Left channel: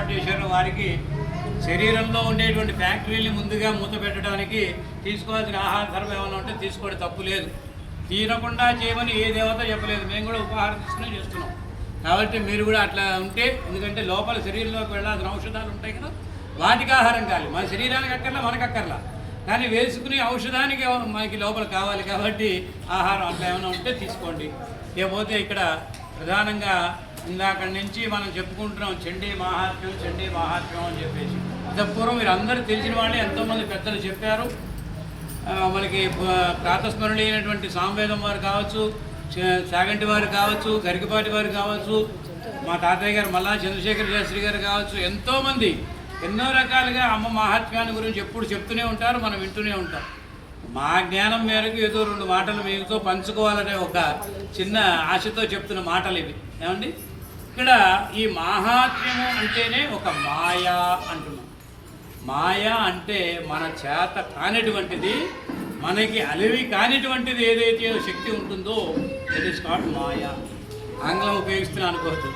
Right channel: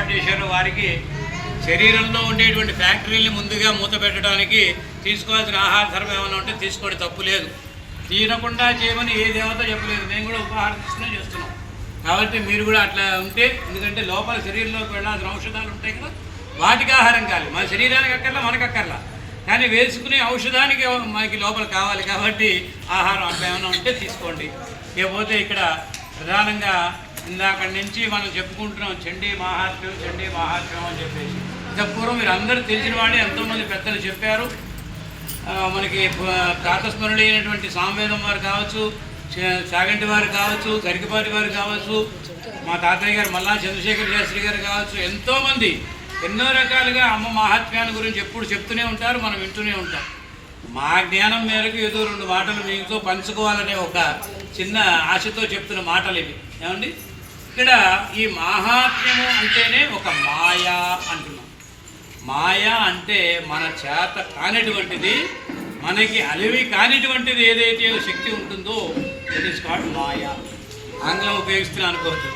ఏర్పాటు చేశారో వారికి శరీరంలో ఉండేటువంటి ఫ్యాక్టరీని ముందుగా మూత పెట్టడానికి తీసుకోవాల్సిన ఆహార ధర్మం ఏమైనా ఉంటే తీసుకోవడం తప్పు లేదు. తినకుండా చేయమని ఏ దేవత చెప్పలేదు. మేము కూడా ఉపహారం తీసుకునే చేస్తున్నాం. కాబట్టి మీరు కూడా అట్లా ఉంటే, ఎందుకంటే లోపల శరీరంలోకి వెళ్ళాల్సిన ఔషధాలు ఉంటాయి కదా, వాటికి ఆహారం కావాలి. మన శరీరానికి అక్కర్లా, మనకు అక్కర్లా, కానీ వేసుకునే ఔషధానికి మనకి లోపల కావాలి. కాబట్టి ఆహారం అట్లా ఏమైనా ఉంటే తీసుకోండి. ఇకపోతే ఇక్కడ ప్రధానంగా ఇందాక నుంచి మనం చెప్పుకుంటున్నాం చండీ మహాత్మ్యం అని చెప్పేసి. పూర్వం మీరు అందరూ తెలిసిన వాళ్ళే, ఎంతోమంది పెద్దలు చెప్పారు. మనకి ప్రాతస్మరణి అయినటువంటి సామవేదం వారు కావచ్చు, చాగంటి వారు కావచ్చు, గరికపాటి వారు కావచ్చు, మా తాతయ్య గారు మల్లా చంద్రశేఖర శాస్త్రి గారు కావచ్చు, ఎంతోమంది ఎన్నో రకాలుగా అమ్మ మహాత్మ్యాన్ని గురించి ఎప్పుడు చెప్తూనే ఉంటారు, మనం వింటూనే ఉంటాం. మా జ్ఞానం మేరకు ఏదో 2 మాటలు మీతో పంచుకోవాలనే ఒక చిన్న ఆశతో చెప్తున్న మాటలు ఇవి. ఏమండి, ఇక్కడ ఈ మహాత్మ్యము అంటేనే ఒక మాయ అంటున్నాం. మాయ అంటే మన చేత కానిటువంటిది, మనకి అలివి కానిటువంటిది ఏదైతే శక్తి ఉంటుందో ఇట్ ఈస్ కాల్డ్ మాయ. ఆంగ్లం ఉపయోగిస్తున్నాను అనుకోవద్దు.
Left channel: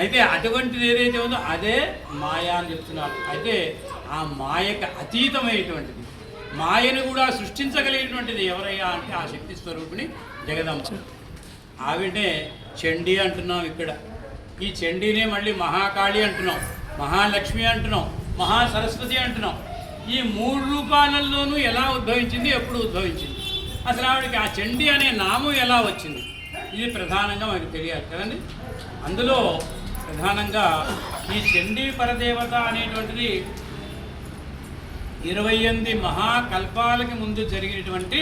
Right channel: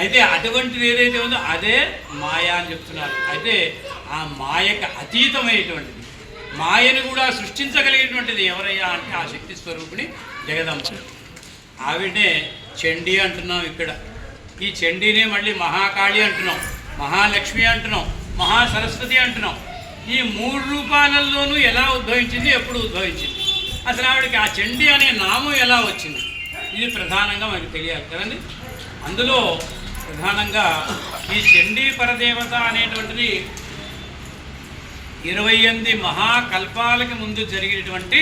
అయితే అటువంటిది ఏదైతే ఉందో అదే మాయ అని చెప్తున్నారు. అయితే ఆ మాయకు అతీతమైనటువంటిది, మాయను కూడా సృష్టించగలిగినటువంటిది ఎవరయ్యా అంటే ఆ శక్తి స్వరూపిణి జగదంబ. ఆవిడే చండీ అంటున్నాం. ఇక్కడ ఈ చండీనే మళ్ళీ మహాకాళి అంటున్నాం, మహాలక్ష్మి అంటున్నాం, మహాసరస్వతి అంటున్నాం. ఈ 3 రూపాలల్లోనూ ఎలా ఉద్భవించింది, ఎప్పుడు ఉద్భవించింది, అసలు ఆవిడకి ఆ చండీ అనే నామం ఎలా వచ్చింది, ఇది ప్రధానంగా మనకు తెలియాలి కదండి. అందులో ప్రధానంగా ఈ చండీ పరదేవత అనేటువంటిది 28 మహాకల్పాలకి ముందు జరిగినటువంటి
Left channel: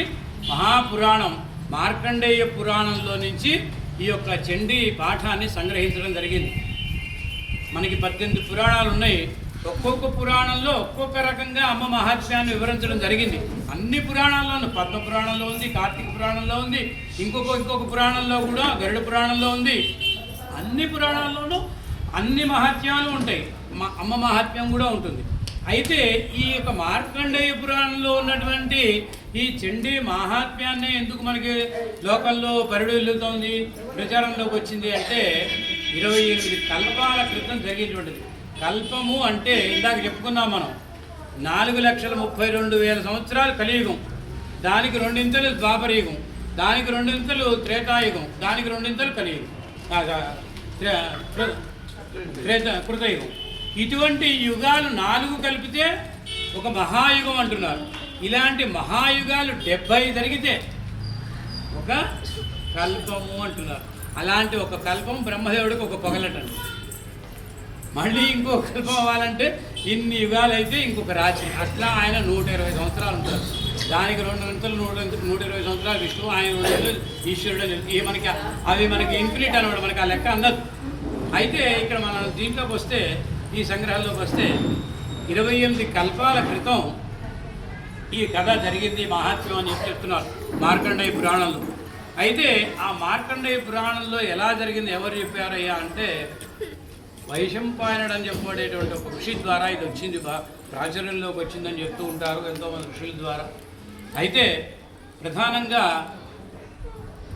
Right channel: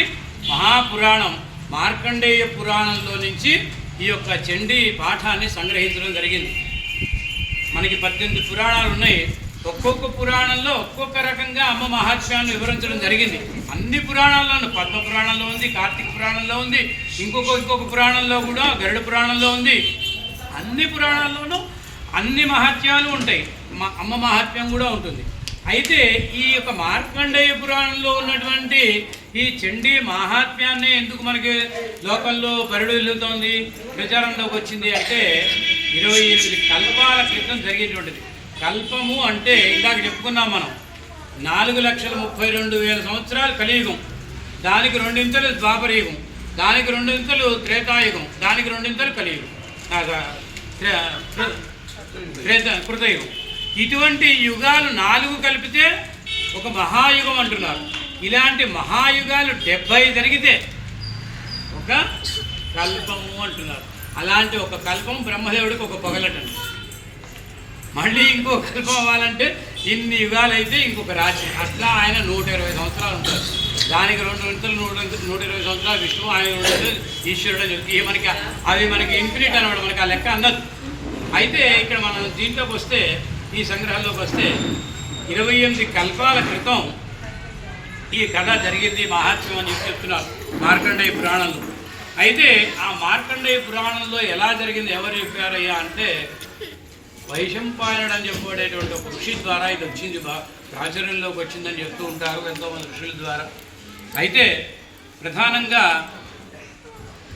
మహాపురాణం మార్కండేయ పురాణంలో నుంచి ఈ యొక్క చండీ పాఠాన్ని సంగ్రహించడం జరిగింది. మనకి 18 పురాణాలు ఉన్నాయి. ఒక్కొక్క పురాణంలో ఒక్కొక్క రకంగా అమ్మ మహాత్మ్యాన్ని వివరించడం జరిగింది. అన్ని పురాణాల్లోనూ, పద్మ పురాణంలో ఉంది, కార్తీక పురాణంలో ఉంది, ఇంకొక పురాణంలో కూడా గరుడ పురాణంలో ఉంది. అన్ని పురాణాల్లోనూ అన్ని మహాత్మ్యాలు ఉంటాయి, అమ్మ మహాత్మ్యం కూడా ఉంటుంది. అయితే ఈ యొక్క మార్కండేయ పురాణంలో ఉన్నటువంటి ఈ చండీ మహాత్మ్యాన్ని ఎందుకు మనకి లోకల్లో పరిడుల్లుతోంది, ప్రచారంలోకి వచ్చింది అంటే 28 కల్పాల క్రితం జరిగేటువంటిది. కల్పము అంటే ఇందాక చెప్పుకున్నాం మనం, 4,32,000 సంవత్సరాలు కలియుగం, దానికి 2 ద్వాపరయుగం, దానికి 2 త్రేతాయుగం, దానికి 2 కలియుగం, కృతయుగం. ఇటువంటి యుగాలు 4 కలిపితే ఒక మహాయుగం అంటున్నారు. ఇలాంటి మహాయుగాలు 70 జరిగితే ఒక కల్పము అంటున్నారు. అలాంటి ఒక కల్పం బ్రహ్మదేవుడికి ఒక పొగలటండి. మళ్ళీ ఇంకో కల్పం అవ్వాలంటే ఇన్ని యుగాలు అయితే ఇంకొక రాజ్యం. అట్లా ఆయన 120 సంవత్సరాలు ఉంటారు. దానికి 120 సంవత్సరాలు విష్ణువు, ఆయన ఈశ్వరుడు. మనకి అవి మనకి ఇన్ఫినిట్ అనమాట, మనకి ఆ లెక్క అందదు. అయితే ఇక్కడ మనం దీంట్లోకి వస్తే, ఈ సంగ్రహంలోకి వస్తే 28 కల్పాల క్రితం ఈ కథ జరిగింది, మహాత్మ్యం అని చెప్తున్నారు మార్కండేయ పురాణంలో. అయితే ఆ మార్కండేయ పురాణంలో ఎలా జరిగింది, ఎవరు చెప్పారయ్యా అంటే వైశంపాయనుడు అని చెప్పబడేటువంటి ఒక ఋషి ద్వారా ఇది వచ్చింది, ప్రాచుర్యంలోకి వచ్చిందని చెప్తూ ఉంటారు ఎంతోమంది ఋషుల ద్వారా. అయితే ప్రధానంగా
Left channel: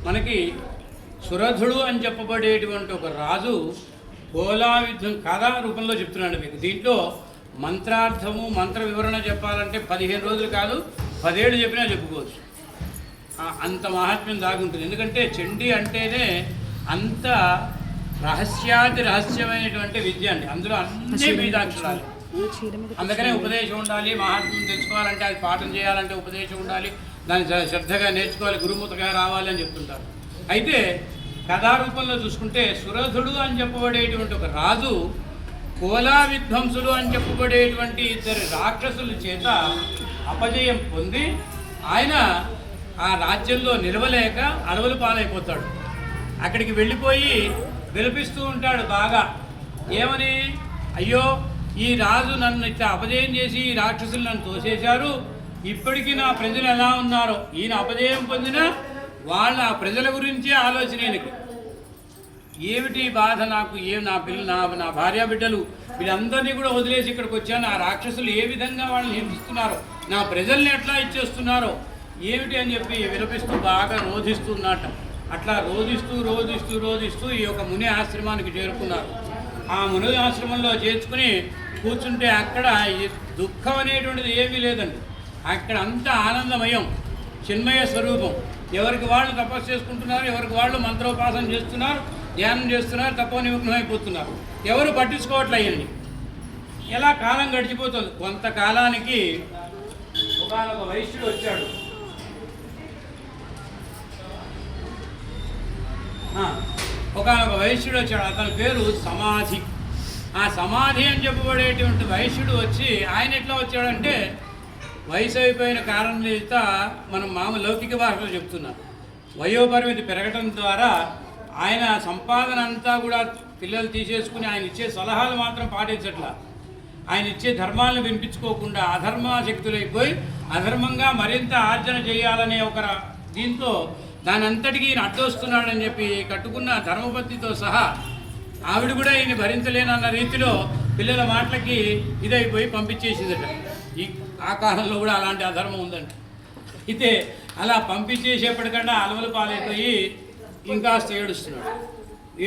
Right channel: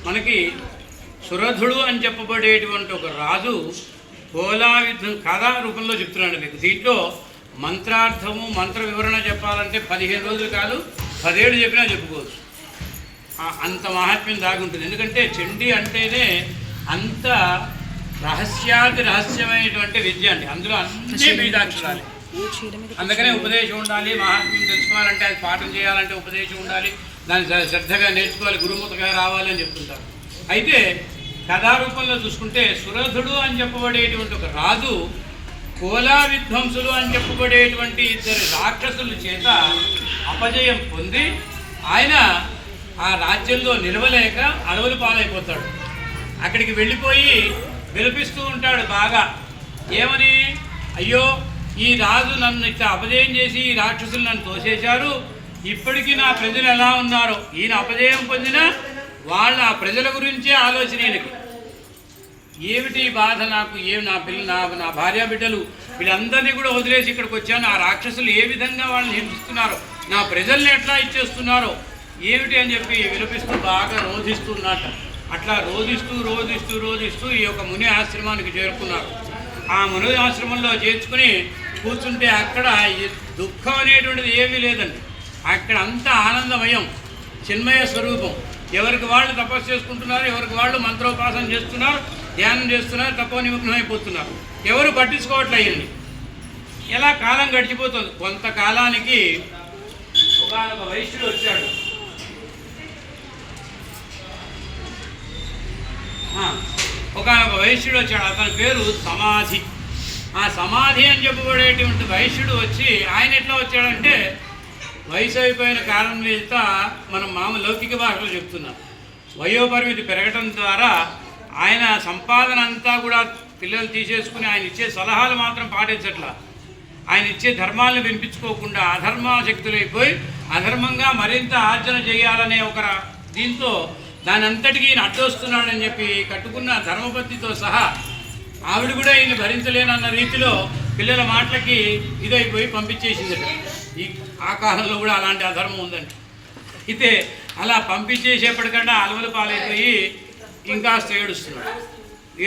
మనకి సురధుడు అని చెప్పబడేటువంటి ఒక రాజు కోలా యుద్ధం కథా రూపంలో చెప్తున్నాడు మీకు. దీంట్లో మంత్రార్థము, మంత్ర వివరణ చెప్పాలంటే 15 రోజులు కాదు, 10 ఏళ్ళు చెప్పినా చెప్పుకోవచ్చు. అంత మహాత్మ్యం దాగి ఉంటుంది. ఎందుకంటే చండీ అంటేనే అంత రహస్యమైనటువంటి విద్య అండి. అందులో అన్నీ బీజాక్షరాలే. అందుకనే ఉపదేశం ఉండాలి. మహాత్మ్యం తెలుసుకోవాలంటే, అది పాఠం చేయాలంటే ఉపదేశం ఉండాలి, దాన్ని శ్రద్ధగా నేర్చుకోవాలి, గురుముఖంగా రావాలి అని చెప్తుంటారు. అయితే కథారూపంలో చూసుకుంటే సురధుడు అని చెప్పబడేటువంటి ఒక రాజు కోలా విధ్వంసులు అని చెప్పబడేటువంటి 2 రాక్షసుల చేత అపజయం పొంది ఆయన ఆ రాజ్యంలో నిలవలేక అడవులు పాలైపోతాడు. అక్కడికి వెళ్ళిపోయి విలపిస్తూ ఉంటాడు బాగా. ఏమని, అయ్యో ఈ రాజు నన్ను ఇట్లా అపజయం చేసి ఈ రాక్షసులు నన్ను తోసేశారు, ఇప్పటికీ నా ప్రజలు ఎలా ఉన్నారో, ఈయన అపజయం పొందిన వాళ్ళ ఆ ప్రజల గురించే ఆలోచన ఈయనకి. ఏమిటి బాధ నాకు, నా భార్య బిడ్డలు వీళ్ళందరినీ కూడా వదిలేసి ఇక్కడికి వచ్చాను, ఆ రాక్షసులు ఏ విధంగా వాళ్ళని హింసిస్తున్నారో, నా ప్రజల్ని ఎట్లా ఇచ్చేస్తున్నారో ఏమిటి అని చెప్పి విలపిస్తూ బాగా రోధిస్తున్నట్ట. అట్లా రోధిస్తూ ఈ యొక్క ముని ఆశ్రమానికి చేరుకున్నారు. ఆ ముని ఆశ్రమంలో చేర్చుకుని కూర్చుంటే అక్కడ దుఃఖం అనేటువంటిది ఏమీ లేదండి. అక్కడ అంతా ఆనందమయం, చిన్మయ స్వరూపం. ఎవరికి వాళ్ళు తపస్సు చేసుకుంటున్నారు, ఎవరికి వాళ్ళు మంత్రోపాసన చేస్తున్నారు, ధ్యానం చేస్తున్నారు, తపోనిమగ్నం అయిపోతున్నారు. ఎవరు పట్టించుకోవట్లేయండి. ఎలా కాలం గడిచిపోతుంది. కొంతకాలానికి ఒక వైశ్యుడు వచ్చాడు. ఒకనొక వైశ్యుడు వచ్చాడు. అతని పేరు సమాధి. ఆ సమాధి అని చెప్పబడేటువంటి వైశ్యుడు వచ్చి, ఆయన ఎట్లా వచ్చాడంటే, వయసు అయిపోయిన కారణం చేత మనం మామూలు లౌకిక భాషలో చెప్తున్నాం. వయోపరిమితి పెరగటం ద్వారా ఆయన సంపాదన అంతా కూడా పిల్లలు తీసేసుకుని ఆయన ఇచ్చే సలహాలు మాత్రం పాటించట్లా. ఆయన ఇచ్చే ధర్మాలను వినిపించుకోకుండా అధర్మాశక్తులైపోయి అధర్మంగా మరింత ఆర్జన చేయాలనే ఒక దీంతో దాని అంతటికీ ఈయన అడ్డొస్తున్నాడని చెప్పి కట్టుకున్న ధర్మపత్నితో సహా ఆవిడ కూడా ఈయన భరించలేనన్న రీతిలో పిల్లల మాటలకి ఇదైపోయి పంపించేసిందట. ఆ కాలంలో కూడా అలాంటి అధర్మం ఉందండి. అయితే అలా పంపించేసేపటికన్నా అలవలు పాలైపోయి ఇంకాస్త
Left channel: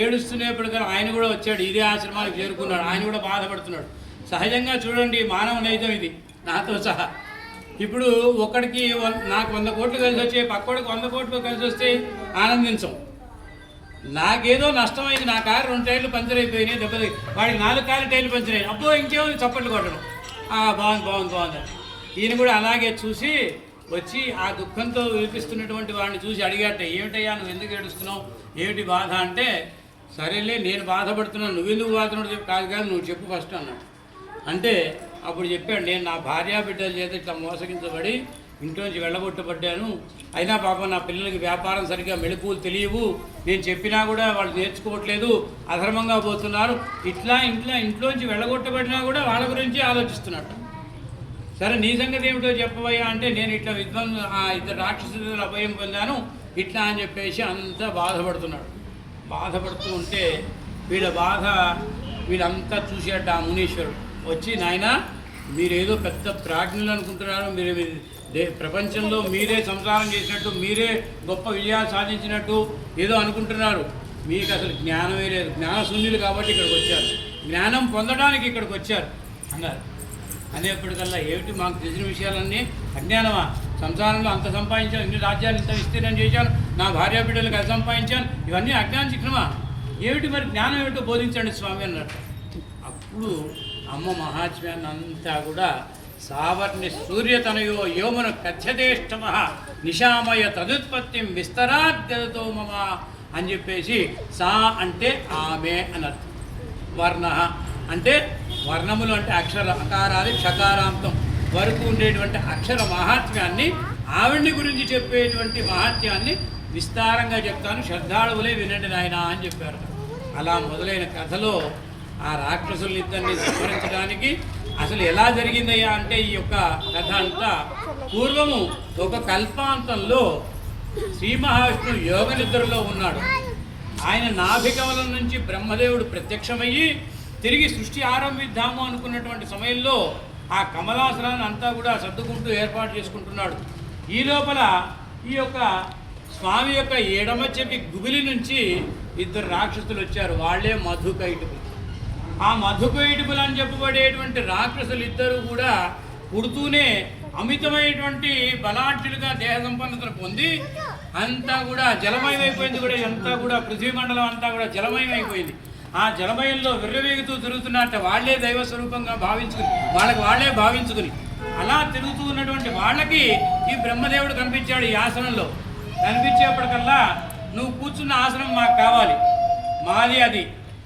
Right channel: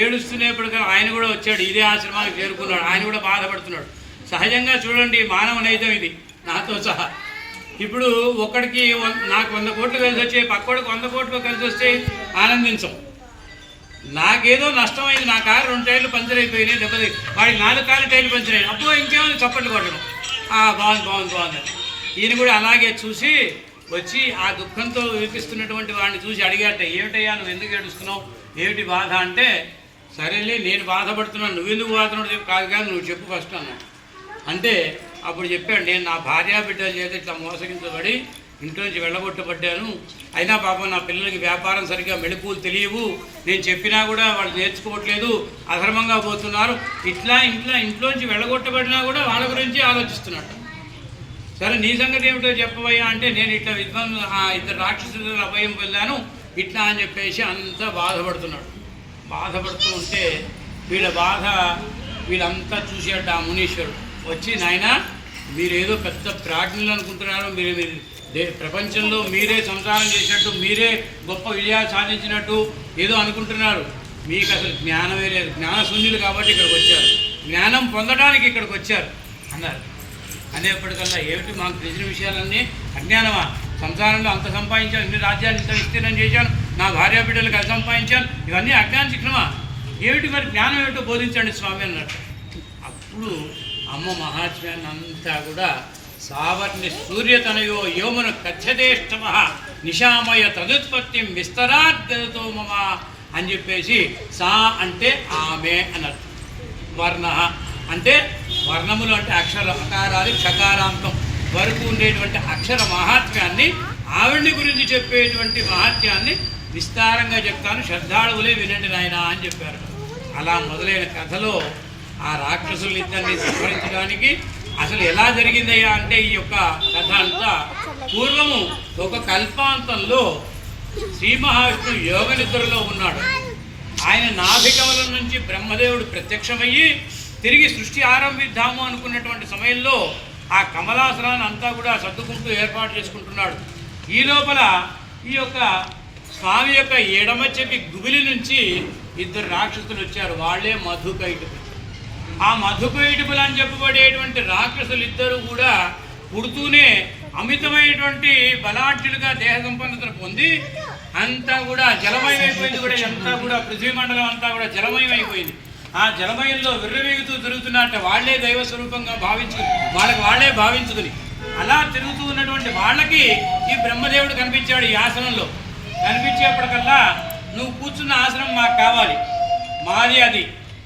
ఏడుస్తున్నప్పటికన్నా ఆయన కూడా వచ్చాడు, ఇదే ఆశ్రమానికి చేరుకున్నాడు. ఆయన కూడా బాధపడుతున్నాడు. సహజంగా చూడండి, మానవ నైజం ఇది, నాతో సహా. ఇప్పుడు ఒక్కడికి నాకు 100 కోట్లు కలిసి వచ్చే, పక్కోడికి 100 కోట్లు కలిసి వస్తే ఆనందించం. నాకేదో నష్టమైంది, నా కారు 2 టైర్లు పంచర్ అయిపోయినాయి, దెబ్బతి వాడికి 4 కార్లు టైర్లు పంచర్ అయ్యాయి. అబ్బో ఇంకేమో చప్పట్లు కొట్టడం, బాగుంది. ఈయన కూడా అలాగే చూసి వచ్చి ఆ దుఃఖంతో వినిపిస్తున్నటువంటి వాడిని చూసి అడిగాట, ఏమిటయ్యా నువ్వు ఎందుకు ఏడుస్తున్నావు, ఏమిటి బాధ అంటే, సరేలే నేను బాధపడుతున్నాను, నువ్వెందుకు బాధపడుతున్నావు కాదు కానీ నువ్వు చెప్పు ఫస్ట్ అన్నాడు. అంటే అప్పుడు చెప్పాడు, నేను నా భార్యా బిడ్డల చేత ఇట్లా మోసగించబడి ఇంట్లో నుంచి వెళ్ళగొట్టబడ్డాను. అయినా పాపం నా పిల్లలకి వ్యాపారం సరిగ్గా మెళకువలు తెలియవు, నేను చెప్పినా కూడా వాళ్ళు నేర్చుకోవట్లేదు, అధర్మంగా పోతున్నారు. ఇంట్లోంచి వెళ్ళగొట్టబడినా కూడా వాళ్ళ గురించి ఆలోచిస్తున్నాడు. సరే నీ సంగతి ఏమిటో చెప్పవయ్యా అంటే, నేను ఇట్లా ఆ 2 రాక్షసుల అభయం పొందాను ఇట్లా అని చెప్పేసి అంతా బాధపడుతున్నాడు. బాధపడుతూ ఉంటే వీళ్ళ బాధ వీళ్ళంతా చూసేట ఆ మునీశ్వరుడు వచ్చి, నాయన మీరేదో పెద్ద ప్రాజ్ఞులు అనుకుంటున్నారు, మీరు ప్రపంచంలో మీరే సంసారం చేసినట్టు, మీరే గొప్ప విజయాలు సాధించినట్టు ఏదో అనుకుంటున్నారు, మీకు అసలు జ్ఞానమే లేదు, జ్ఞానశూన్యులు కాబట్టి ఇక్కడికి వచ్చారు, జ్ఞానం పొందడానికి ఇక్కడికి వచ్చారు అన్నారు. అనేప్పటికల్లా ఏమిటి మాకు తెలిసిన విషయాలన్నీ అజ్ఞానమా, సంసారంలో అంత సంపాదించాను, ఇన్ని రాజ్యాలు ఇంత విస్తీర్ణం చేశాను, నా భార్యా బిడ్డలకు అది సంపాదించాను, ఇవన్నీ అజ్ఞాన శిక్షణమా, ఏమిటి మరి జ్ఞానం ఏమిటో బోధించండి స్వామి అన్నట్టు. అప్పుడు అమ్మ మహాత్మ్యాన్ని అంతా కూడా సావర్ణి సూర్యతనయో యోమను కథ్యతేష్టమ నిశామయ తదుత్పత్తిం విస్తరాద్గతో మమ అని చెప్పేసి, సా అంటే ఆమె అనర్థం, వర్ణ అంటే వర్ణములు అంటే అక్షర అకారాది క్షకారాంతం వరకు ఉండేటువంటి అక్షర మహాత్మ్యాన్ని, ఆవిడ్ని గురించి చెప్పేటువంటి మహాత్మ్యాన్ని విస్తారంగా చెప్తాను, శ్రద్ధాళువులే వినండి నాయన అని చెప్పారు. అలా మొదలైన కథలో ఆ రాక్షసులిద్దరిని సంహరించడానికి అసలు ఎలా జరిగిందయ్యా అంటే, ఈ యొక్క కథ అంతా పూర్వము ఒక కల్పాంతంలో శ్రీ మహావిష్ణువు యోగ నిద్రలో ఉన్నాడు. ఆయన నాభికమలం నుంచి బ్రహ్మదేవుడు ప్రత్యక్షమయ్యి తిరిగి సృష్టి ఆరంభిద్దాము అనుకున్నటువంటి సమయంలో ఆ కమలాసనాన్ని అంతా కూడా సర్దుకుంటూ ఏర్పాటు చేసుకుంటున్నాడు. ఈ లోపల ఈ యొక్క స్వామి యొక్క ఎడమ చెవి గుబిలి నుంచి 2 రాక్షసులు వచ్చారు. వాళ్ళే మధుకైటపులు. ఆ మధుకైటపులు అని చెప్పబడేటువంటి రాక్షసులు ఇద్దరు కూడా పుడుతూనే అమితమైనటువంటి బలాఢ్యులుగా దేహ సంపన్నతను పొంది అంతా కూడా జలమయం అయిపోయింది. కూడా అంతా కూడా పృథ్వీ మండలం అంతా కూడా జలమయం అయిపోయింది. ఆ జలమయంలో విర్రవేగుతూ తిరుగుతున్నట్టు వాళ్లే దైవ స్వరూపంగా వాళ్ళే భావించుకుని అలా తిరుగుతూ ఉన్నటువంటి వాళ్ళకి ఈ బ్రహ్మదేవుడు కనిపించాడు. ఈ ఆసనంలో కనిపించేప్పటికల్లా, నువ్వు కూర్చున్న ఆసనం మాకు కావాలి, మాది అది,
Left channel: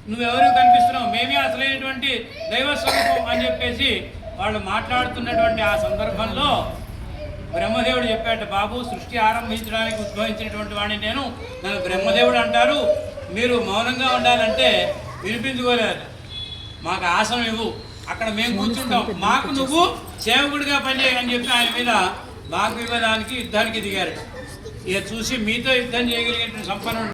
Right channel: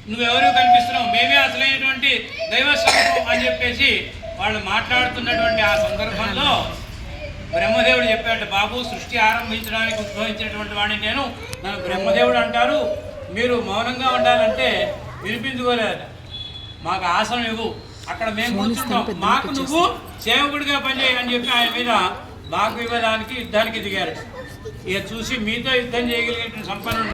నువ్వెవరు కనిపిస్తున్నావు, మేమే అసలైనటువంటి దైవ స్వరూపం అని చెప్పేసి వాళ్ళు మాట్లాడుతున్నటువంటి ఆ సందర్భంలో బ్రహ్మదేవుడు చెప్పాడు, బాబు సృష్టి ఆరంభించడానికి ఉద్భవించినటువంటి వాడిని నేను, నన్ను బ్రహ్మదేవుడు అంటారు, మీరు మౌనంగా ఉండాలంటే వినిపించుకోలేదట, మాకు ఆసనం ఇవ్వు, అక్కడ మేము కూర్చుంటాం, మాకు నువ్వు సేవకుడిగా పనిచేయని చెప్పి ఆయన మీద వాగ్వివాదానికి యుద్ధానికి దిగారు. ఇక చూసి మీతో యుద్ధం చేయగలిగిన సంపన్నుడు